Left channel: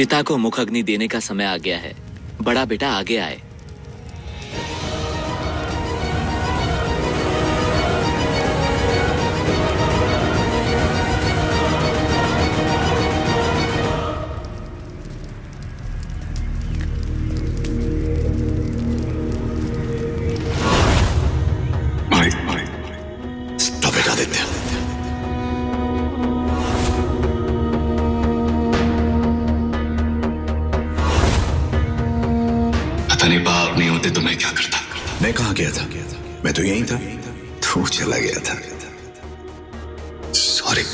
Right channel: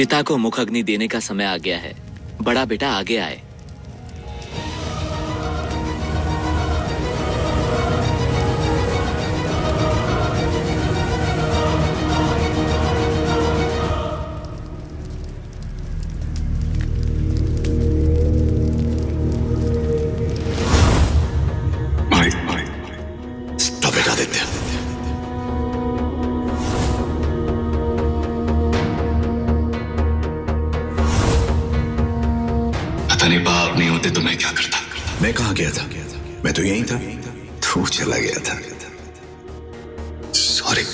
चिता को मुख अग्नि देने का समय आ गया है। बड़ा बेटा आगे आए। स्टॉप बेटा आदित्य। पता नहीं बाप नहीं होते तो मैं क्या करता। मैं कहाँ गया था? मैं तो यहीं था। तू चला गया था। सॉरी।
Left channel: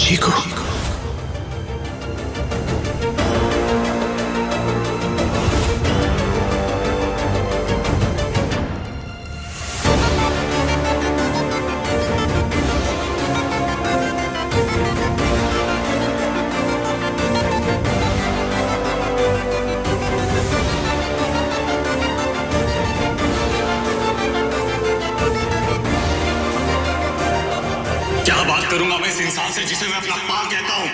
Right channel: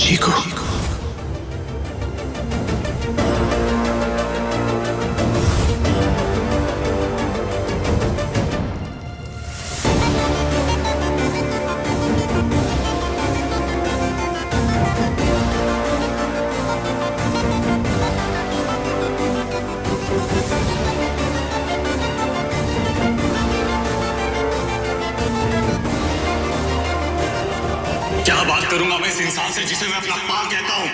चीकू, क्या बात करूंगा मैं इस इंसान से जिसे मैं अपना मां कहता हूं?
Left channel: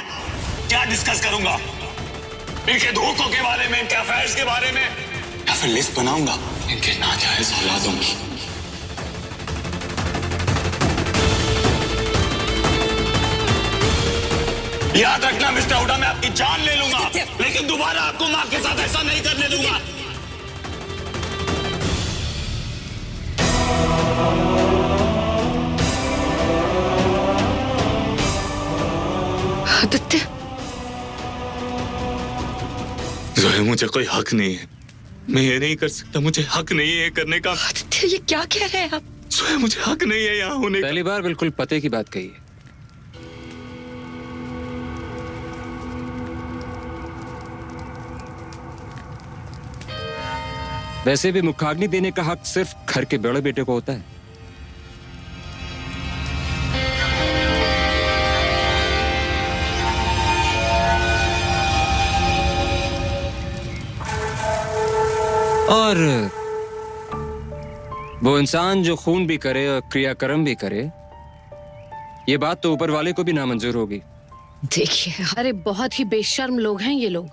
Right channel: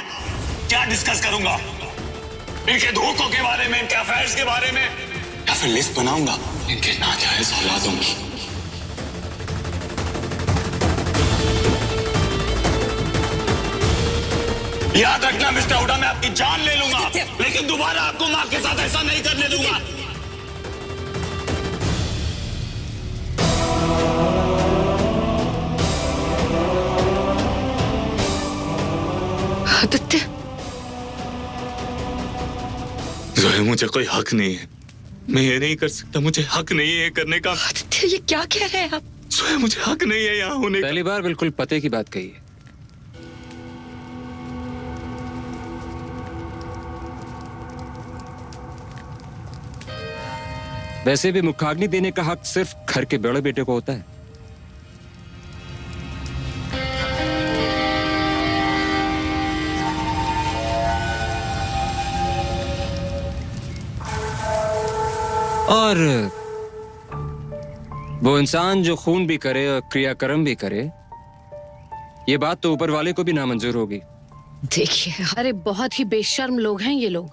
क्या डिस्कस करूंगा? इनके धोखों के बारे में, इनके अफेयर्स के बारे में, या फिर लिस्ट बनाऊंगा इनके नाजायज औलादों की? याद रखना मिस्टर हुडा, मैं आपकी जान ले लूंगा, लेकिन दोबारा आपको मां के साथ ऐसा नहीं करने दूंगा। आदित्य, जोया, मुझे कोई हक नहीं है। मैं ये नहीं कर सकता, मुझे हक नहीं है ये करने का। आदित्य, ये क्या कह रहे हैं आप? जोया, मुझे हक नहीं है यहाँ होने का। पहली बार बिल्कुल पते की बात कही है। वैसे भी मुखाग्नि देने का हक सिर्फ घर के बड़े बेटे को होता है। और वो इंसान जो खून भी करे और क्रियाकर्म भी करे, ये बात तो ऊपर वाले को भी नामंजूर होगी। देखिए, अरे बहुत ही बेशर्म लोग हैं ये लोग।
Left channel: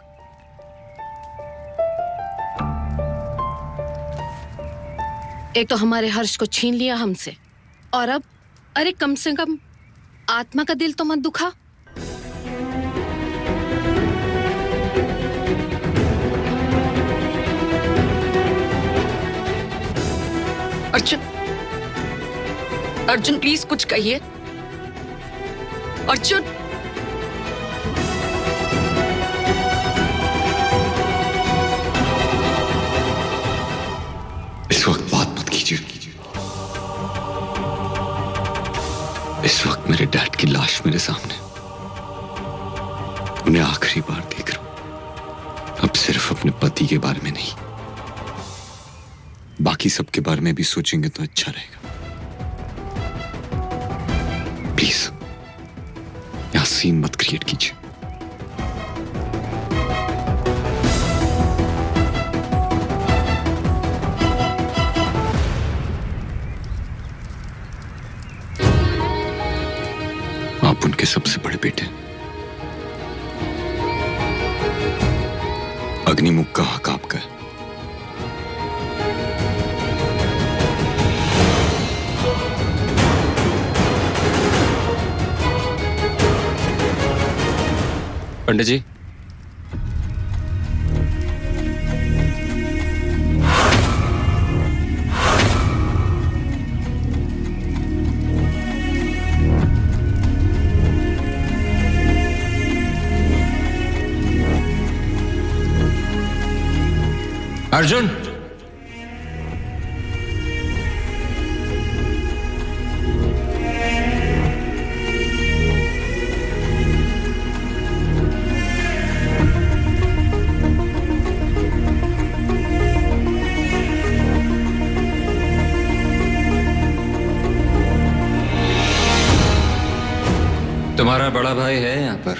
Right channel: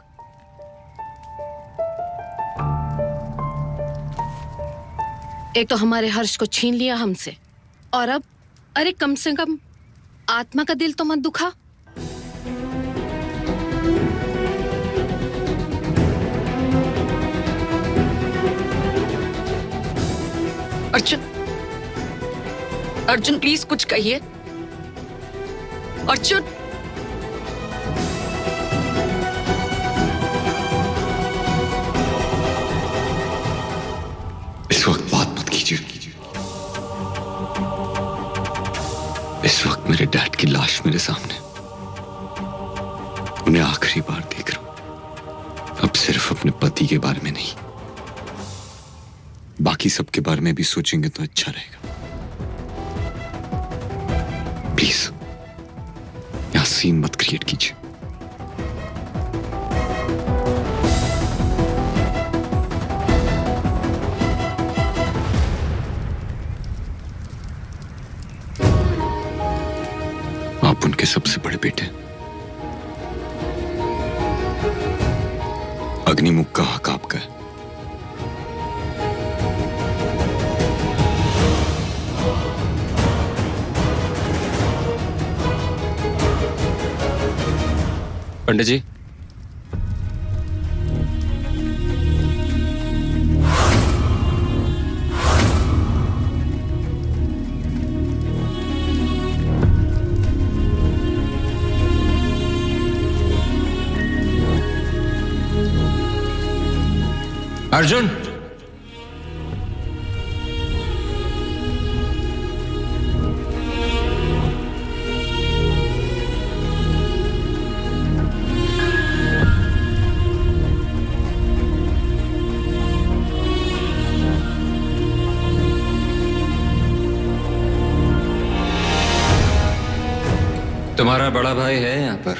एक तो हमारे हर्ष को छीन लिया हमसे, और अब अरे कम से कम आत्मा का दिल तो मत दुखा। अर्जुन, अर्जुन प्लीज कुछ कहिए। अर्जुन, इस वक्त बात मत कीजिए। इस वक्त मेरे डैड की लाश मेरे सामने, उन्हें आखिरी बार देख रहा हूं। अब सिर्फ अपने पति के बारे में नहीं, बाकी सबके बारे में भी सोचेंगे तो अच्छा रहेगा। प्लीज यहां सीन मत क्रिएट कीजिए। आप उनके सबसे बड़े बेटे हैं। अग्निमुख का हक आपका है। पंडित जी, अर्जुन, तुम्हारा बड़ा भाई है यहाँ पर।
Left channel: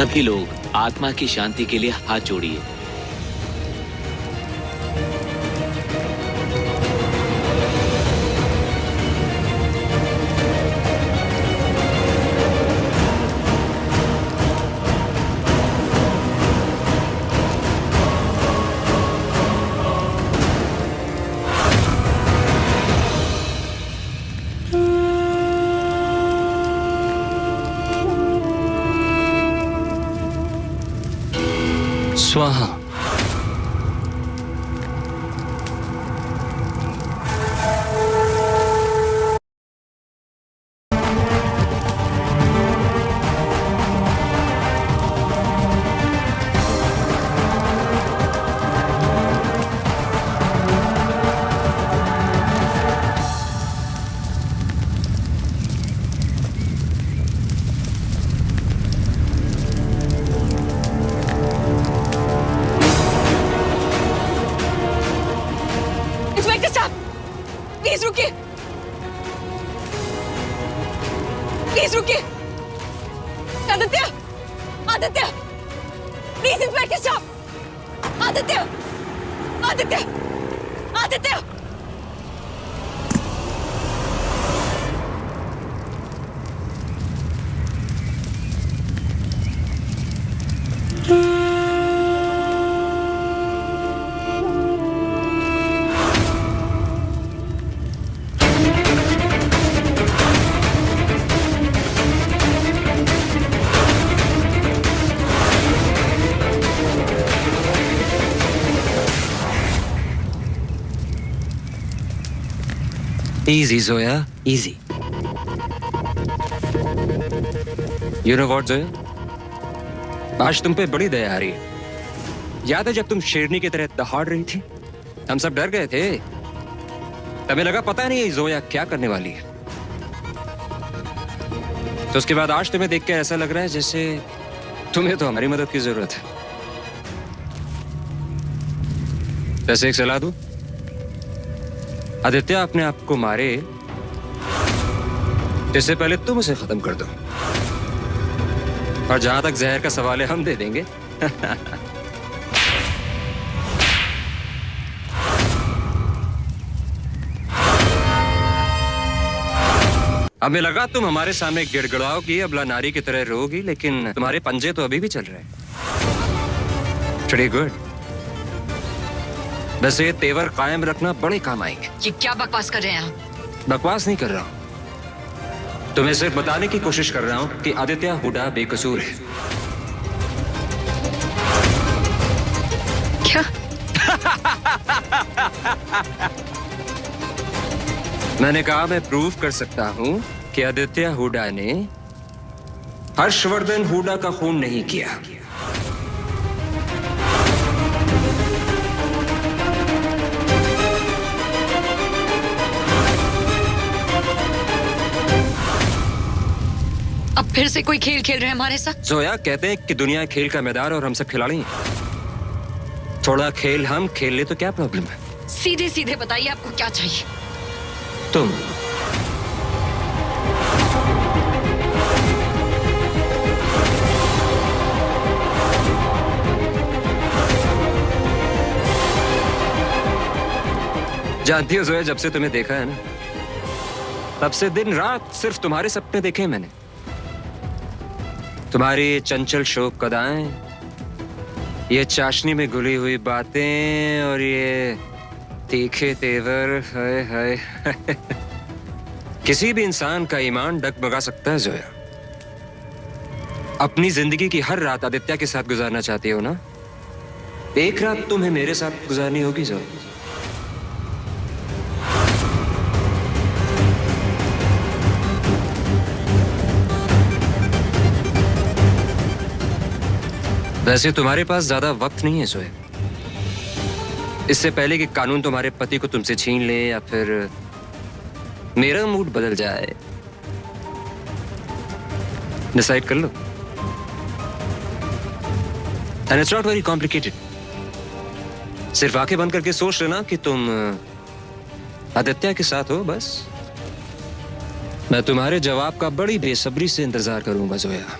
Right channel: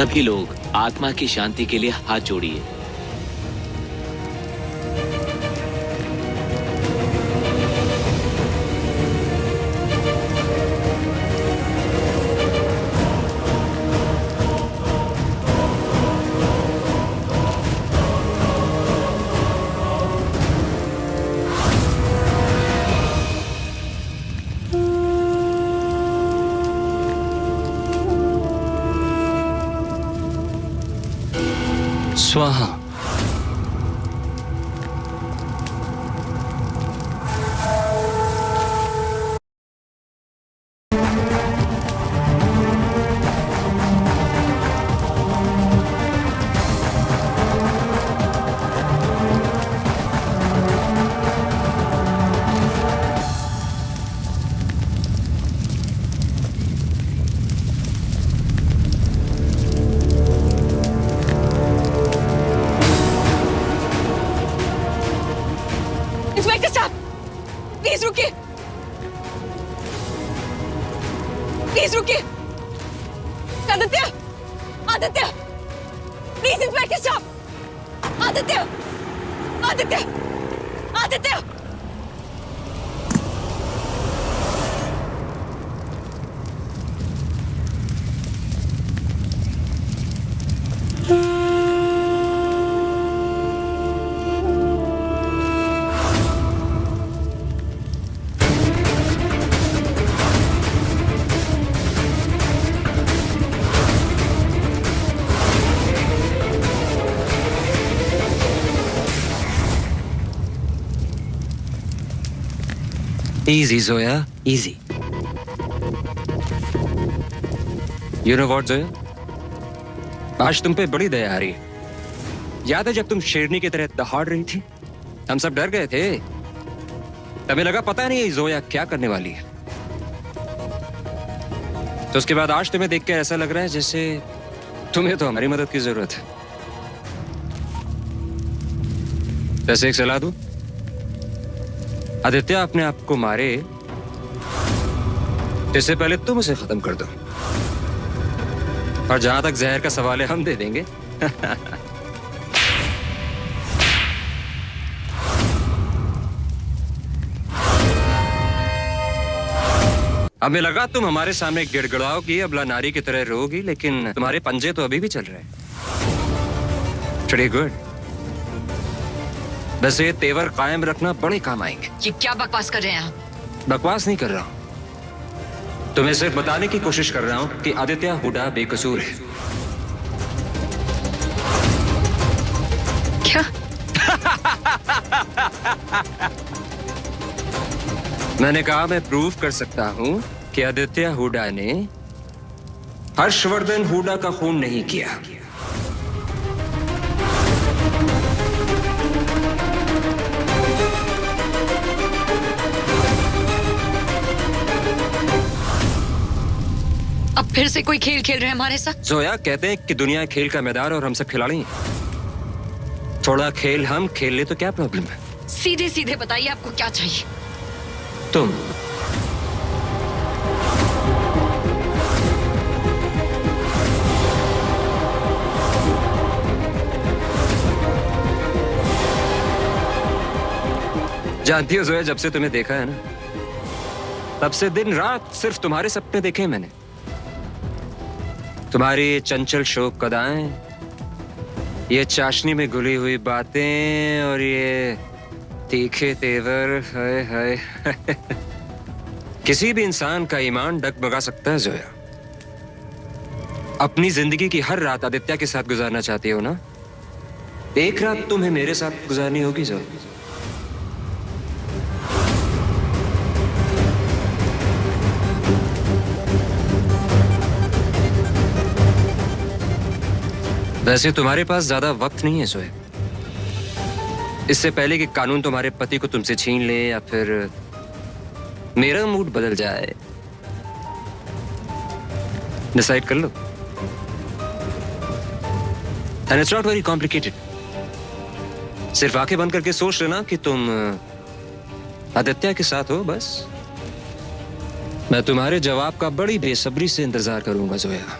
सभी लोग आत्मा की शांति के लिए हाथ जोड़िए। स्वाहा। इंस्पेक्टर साहब, प्लीज रुकिए, प्लीज रुकिए। आदित्य, आदित्य, प्लीज इंस्पेक्टर साहब, Aditya, Aditya, Aditya. Easy, Zoya, easy. You know what, Zoya? आज तुम पे बड़ी दया आ रही है। याद है जब तुम शेरनी की तरह दहाड़ रही थी? हम सब डर गए थे। तभी लगा पता नहीं ये जोया क्या करने वाली है। तो उसके बाद आज तुम्हें देख के ऐसा लग रहा है जैसे तुम्हें तो हमारी मदद की जरूरत है। वैसे एक सलाह दूं? आदित्य अपने आप को मारे इससे पहले तुम उसे खत्म कर दो, और जहां तक जहर का सवाल है हम दे देंगे। हमें लगा तुम हमारे सामने गिड़गिड़ाओगी, अबला नारी की तरह रोगी, लेकिन तुम्हारे पंजे तो अभी भी चल रहे हैं। Pretty good। वैसे ये तेवर कायम रखना बड़े काम आएंगे। ये क्या बकवास कर रहे हैं आप? बकवास नहीं कर रहा हूं, तुम्हें सिर्फ बताने की कोशिश कर रहा हूं कि आदित्य हुडा बेकसूर है। क्या? मैंने कहा मैं प्रूव कर सकता हूं कि आदित्य हुडा ने हर्षवर्धन हुडा का खून नहीं किया। अब फिर से कोई खेल खेल रहे हैं हमारे साथ? जोया, कहते हैं कि दुनिया खेल का मैदान और हम सब खिलाड़ी हैं। थोड़ा खेल हम खेल ले तो क्या प्रॉब्लम है? सीधे सीधे बताइए आपको क्या चाहिए? तुम जानती हो जोया, जब से तुम्हें देखा है ना, तब से दिन रात सिर्फ तुम्हारे सपने देखे मैंने। तुम्हारी ये चंचल शोक अदाएं, ये चाशनी में घुली हुई बातें और ये तीखे तेवर, हाय हाय। किसी भी इंसान का ईमान डगमगा सकता है जोया। अपनी जिंदगी की हर रात आदित्य के साथ गुजारना चाहती हो ना? एक रात तुम्हें मेरे साथ गुजारनी होगी जोया। वैसे तुम्हारे पास ज्यादा वक्त नहीं है सोए। इससे पहले कि कानून तुम्हारे पति को तुमसे छीन ले या फिर मेरा मूड बदल जाए, डिसाइड कर लो। And it's not very complicated. सिर्फ आंखें बंद करके सोच लेना कि तुम आदित्य के साथ हो, बस। मैं तुम्हारे जवाब का बड़ी बेसब्री से इंतजार करूंगा जोया।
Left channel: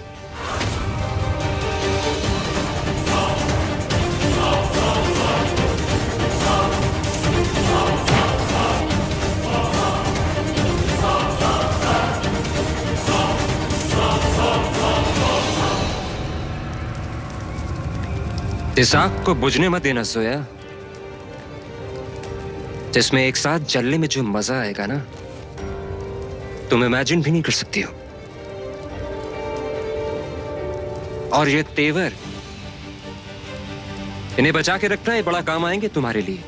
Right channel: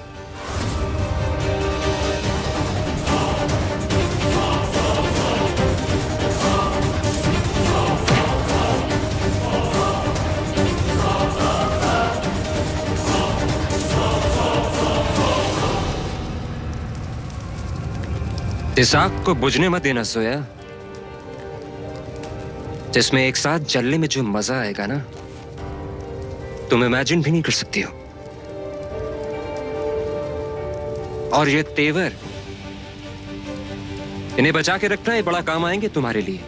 इस आग को बुझने मत देना सोया। जिसमें एक साथ जलने में जो मजा आएगा ना, तुम इमेजिन भी नहीं कर सकती हो। और ये तेवर, इन्हें बचा के रखना, ये बड़ा काम आएंगे तुम्हारे लिए।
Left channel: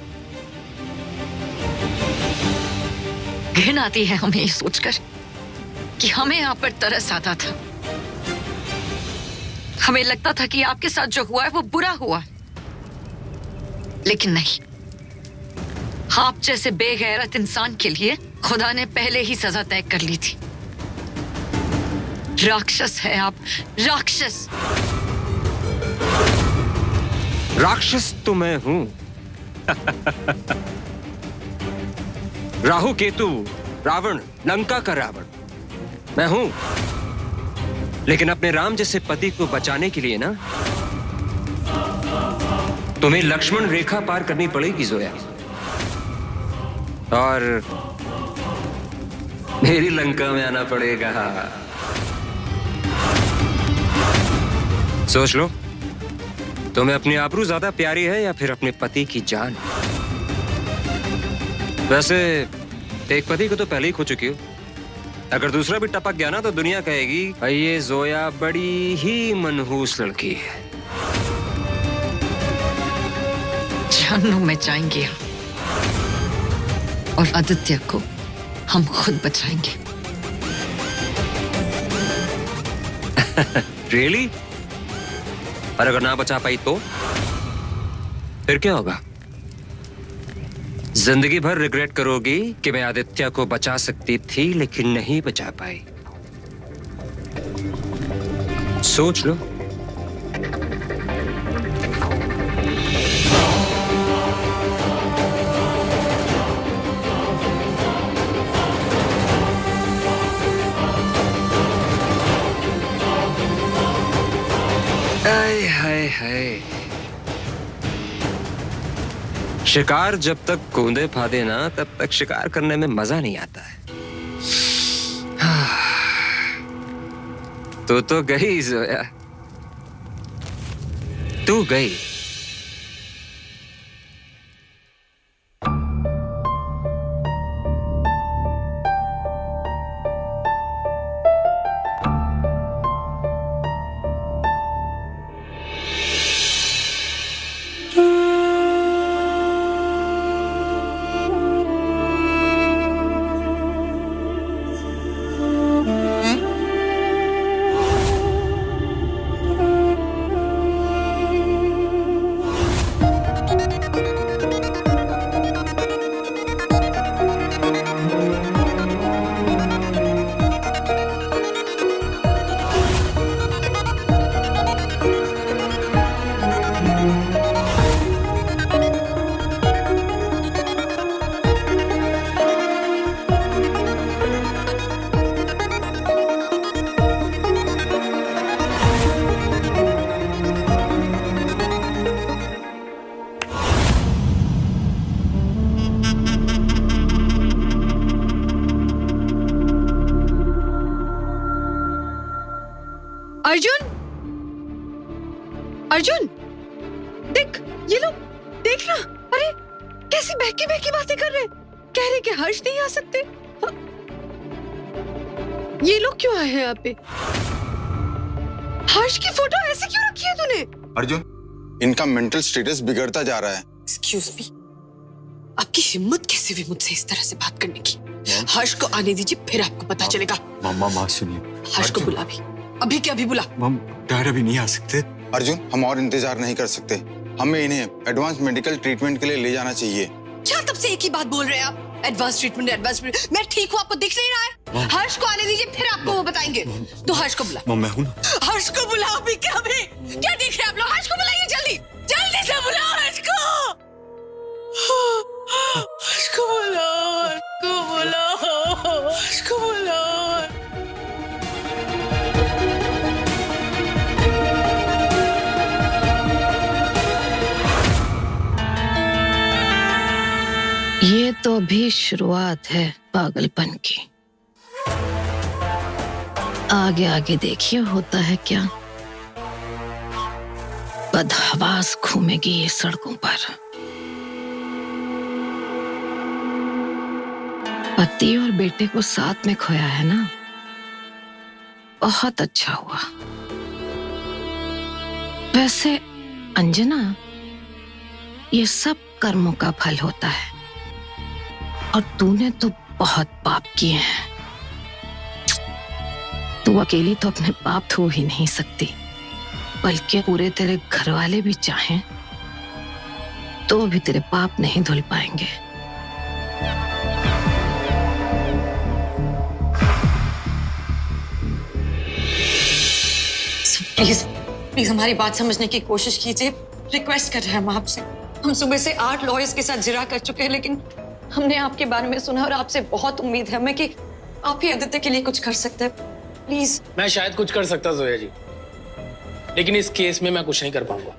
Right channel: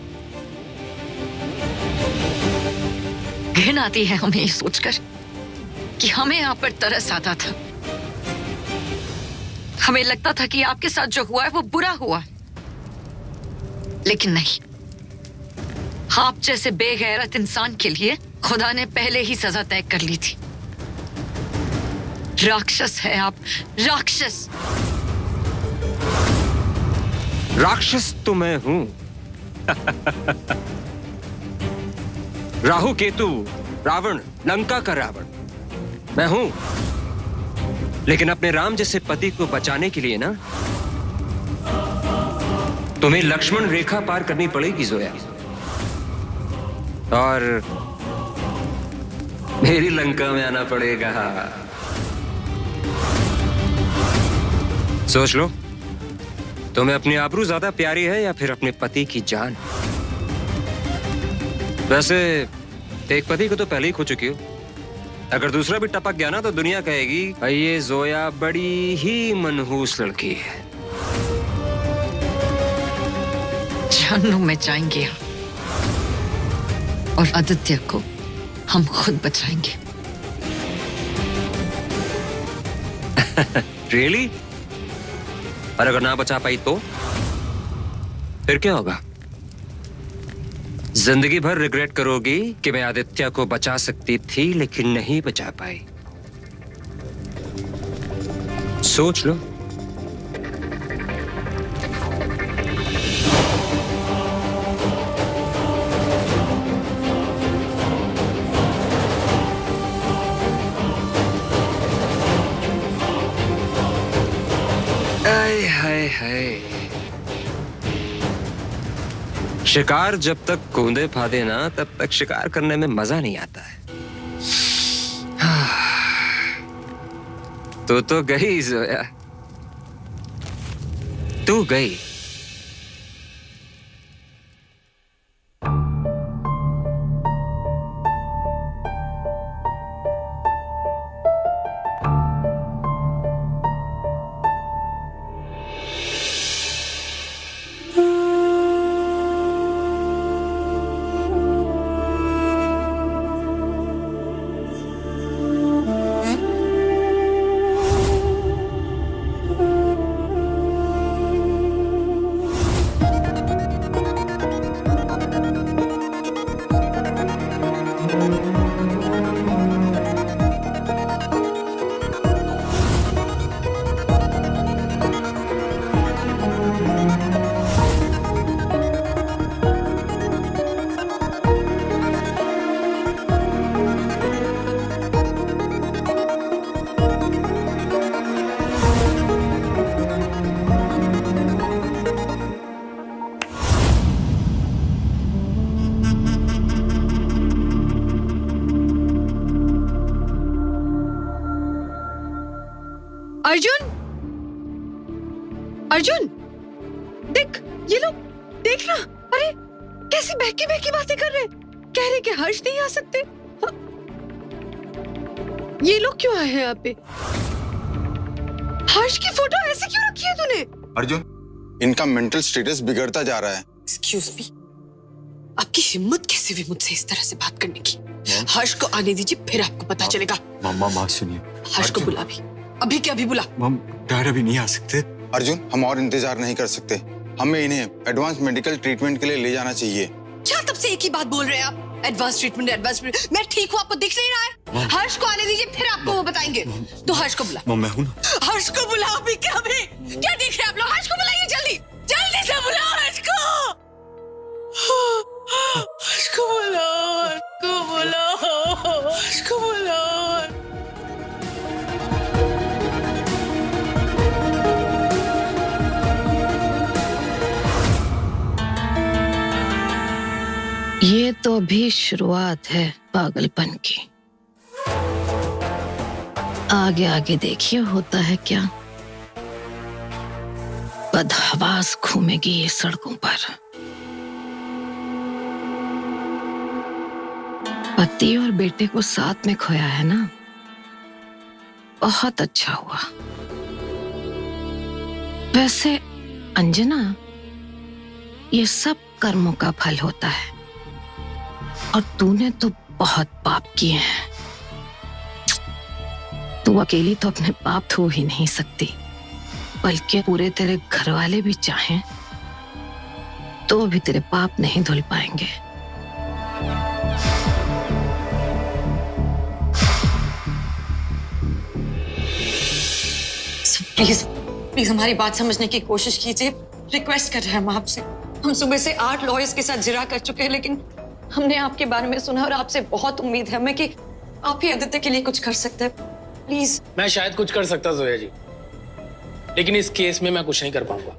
घिन आती है हमें ये सोचकर कि हमें आप पर तरस आता था। हमें लगता था कि आपके साथ जो हुआ है वो बुरा हुआ है, लेकिन नहीं। आप जैसे बेगैरत इंसान के लिए खुदा ने पहले ही सजा तय कर ली थी। राक्षस है आप, राक्षस। राक्षस तो मैं हूं। राहु केतु, रावण, लंका का रावण मैं हूं। लेकिन अपने राम जैसे पति को बचाने के लिए ना, तुम्हें लक्ष्मण रेखा पार करनी पड़ेगी जोया। और मेरी लंका में आना पड़ेगा। सोच लो, तुम्हें अपनी आबरू ज्यादा प्यारी है या फिर अपने पति की जान? वैसे एक पति को तो पहले ही खो चुकी हो। अगर दूसरा भी टपक गया ना तो दुनिया कहेगी भाई ये जोया बड़ी ही मनहूस लड़की है। जहन्नुम में जाएंगे हम, और आदित्य को हम खुद बचाएंगे। रियली? और अगर ना बचा पाई तो फिर क्या होगा? जिंदगी भर रिग्रेट करोगी कि मैं आदित्य को बचा सकती थी लेकिन नहीं बचा पाई। सोच लो। आय हाय हाय, शिकार जब तक कूदे फादे ना तब तक शिकार करने में मजा नहीं आता है। तो गई जोया, तू गई। अर्जुन, अर्जुन, देख ये लोग, देख ना। अरे कैसी बहकी बहकी बातें कर रहे, कह रहे कि हर्ष नहीं आ सकते। हाँ? ये लोग क्यों आए हैं यहाँ पे? हर्ष की फोटो ऐसे क्यों रखी है तूने? अर्जुन, इनका मेंटल स्टेटस बिगड़ता जा रहा है। एक्सक्यूज मी, आपकी हिम्मत कैसे हुई मुझसे इस तरह से बात करने की? हर्ष को आने दीजिए, फिर आपको पता चलेगा। मामा सुनिए, हर्ष को बुला अभी के अभी बुला। मम, डैड अभी नहीं आ सकते। अर्जुन, हम और इंतजार नहीं कर सकते। हमें इन्हें एडवांस मेडिकल ट्रीटमेंट के लिए ले जाना चाहिए। क्या तब से एक ही बात बोल रहे हैं आप? Advance treatment. मैं ठीक हूँ, आपको दिख नहीं रहा है? हर्ष को आने दीजिए, फिर आपको वो बताएंगे। तो हर्ष को बुला। मैं हूँ ना। हर्ष को बुला अभी के अभी। क्या देख रहे हैं आप लोग? हर्ष को बुलाइए जल्दी, जल्दी से बुलाओ हर्ष को। हर्ष को बुलाओ, हर्ष को बुलाओ, हर्ष को बुलाओ। ये तो अभी शुरुआत है पागलपन की। आगे आगे देखिए होता है क्या। बदहवास घूमेगी ये सड़कों पर। पति और बेटे को साथ में खोया है ना, बहुत अच्छा हुआ। वैसे अंजना, ये सब कर्मों का फल होता है और तूने तो बहुत पाप किए हैं। तू अकेली तो अपने पाप धो ही नहीं सकती, बल्कि पूरे तेरे घर वाले भी चाहें तो भी तेरे पाप नहीं धुल पाएंगे। प्लीज प्लीज हमारी बात समझने की कोशिश कीजिए। रिक्वेस्ट कर रहे हैं हम आपसे। हम सुबह से 8 लॉयर्स के साथ जिरा कर चुके हैं, लेकिन हमने आपके बारे में सुना और आपसे बहुत उम्मीद है हमें कि आप ही आदित्य के लिए कुछ कर सकते हैं। प्लीज। मैं शायद कुछ कर सकता जोया जी, लेकिन इस केस में मैं कुछ नहीं कर पाऊंगा।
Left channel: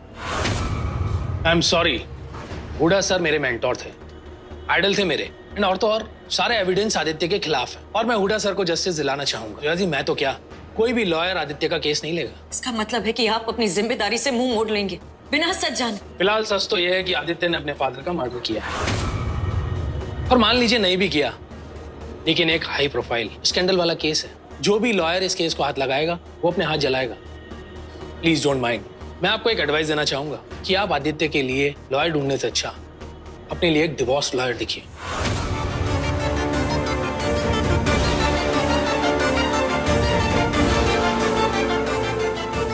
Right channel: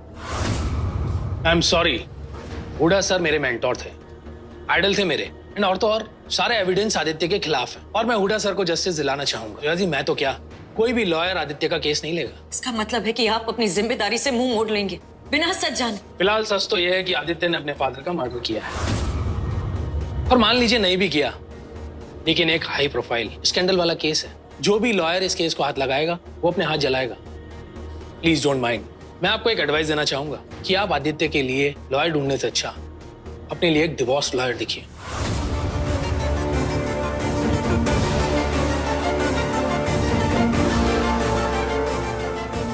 I am sorry. Hooda sir मेरे मेंटोर थे, आइडल थे मेरे, और तो और सारे एविडेंस आदित्य के खिलाफ है और मैं हुडा सर को जस्टिस दिलाना चाहूंगा। जोया जी, मैं तो क्या, कोई भी लॉयर आदित्य का केस नहीं लेगा। इसका मतलब है कि आप अपनी जिम्मेदारी से मुंह मोड़ लेंगे बिना सच जाने। फिलहाल सच तो यह है कि आदित्य ने अपने फादर का मर्डर किया है, और मान लीजिए नहीं भी किया, लेकिन एक हाई प्रोफाइल स्कैंडल वाला केस है। जो भी लॉयर इस केस को हाथ लगाएगा वो अपने हाथ जलाएगा। Please don't mind. मैं आपको एक एडवाइस देना चाहूंगा कि आप आदित्य के लिए लॉयर ढूंढने से अच्छा अपने लिए एक डिवोर्स लॉयर देखिए।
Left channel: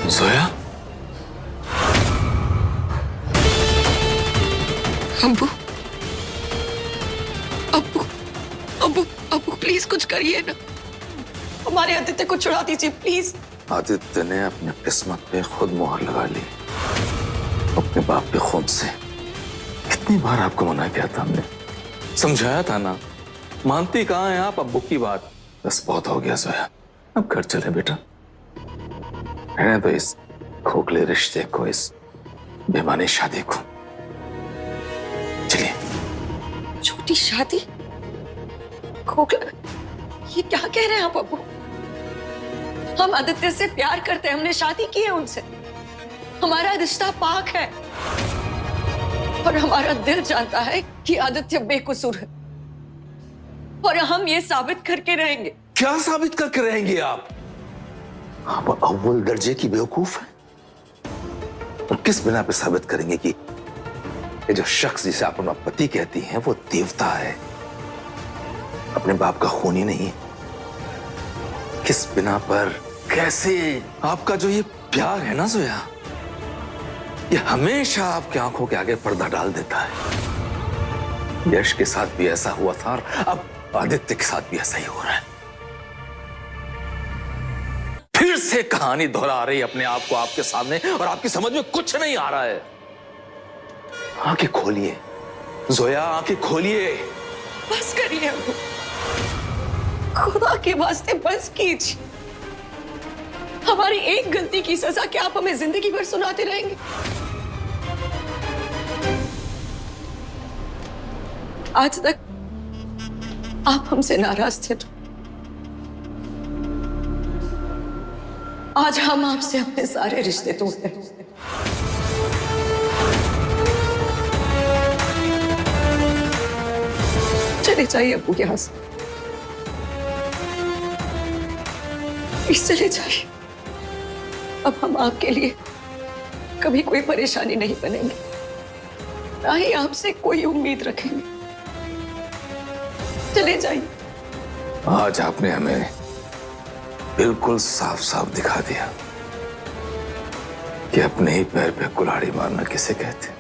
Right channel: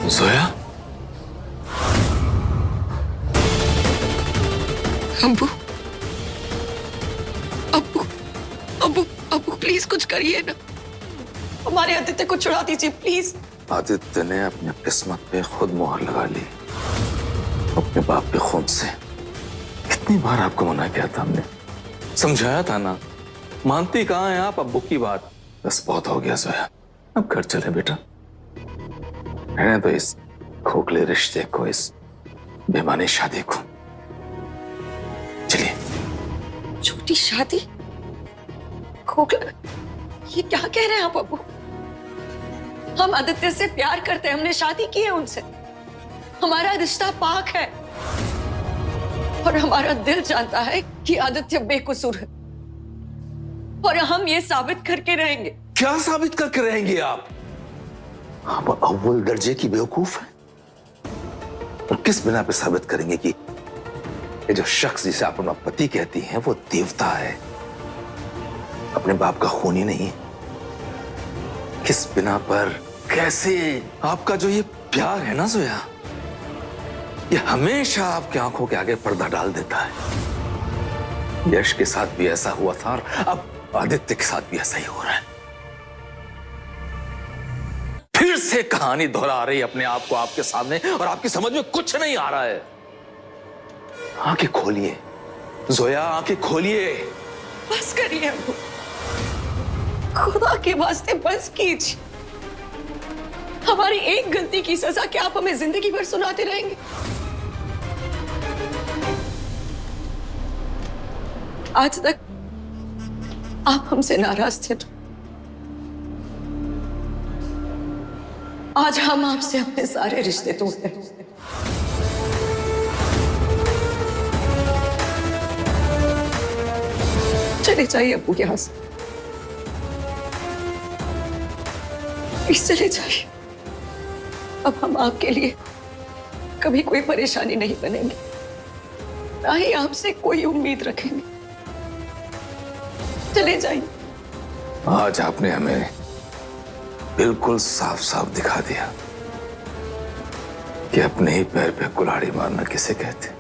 जोया, अब्बू अब्बू अब्बू अब्बू प्लीज कुछ करिए ना, हमारे आदित्य को छुड़ा दीजिए प्लीज। आदित्य ने अपनी किस्मत पे खुद मोहर लगा ली, अपने बाप के खून से। कितनी बार आपको मना किया था हमने, समझाया था ना, मानती कहाँ हैं आप अब्बू की बात। बस बहुत हो गया जोया, अब घर चले बेटा। रहने तो इस खोखले रिश्ते को, इस बेमानी शादी को। चलिए। छोटी शादी, खोखला, ये क्या कह रहे हैं आप अब्बू? हम आदित्य से प्यार करते हैं, हमने शादी की है उनसे, हमारा रिश्ता पाक है और हमारा दिल जानता है कि आदित्य बेकसूर है और हम ये साबित करके रहेंगे। क्या साबित करके रहेंगे आप? आप अव्वल दर्जे की बेवकूफ हैं। और किस बिना पे साबित करेंगे कि ये जो शख्स जिसे आप अपना पति कहती हैं वो देवता है, अपने बाप का खूनी नहीं है? किस बिना पर, कैसे? आपका जो ये प्यार है ना जोया, ये हमेशा आपकी आंखों के आगे पर्दा डाल देता है। यश के साथ भी ऐसा हुआ था और अब आदित्य के साथ भी ऐसा ही हो रहा है। फिर से कहानी दोहरा रही अपने आप को आपके सामने और आपकी समझ में कुछ नहीं आ रहा है। आंखें खोलिए जोया, आंखें खोलिए। बस करिए अब्बू, खुदा के वास्ते बस कीजिए। हमारी एक गलती की सजा क्या आप हमें जिंदगी भर सुनाते रहेंगे? आज तक आप हमसे नाराज थे, तो आज हम आपसे अपने सारे रिश्ते तोड़ते हैं। चले जाइए अब्बू यहां से, प्लीज चले जाइए। अब हम आपके लिए कभी कोई परेशानी नहीं बनेंगे, ना ही आपसे कोई उम्मीद रखेंगे। चले जाइए। आज आपने हमें बिल्कुल साफ साफ दिखा दिया कि अपने ही पैर पे कुल्हाड़ी मारना किसे कहते।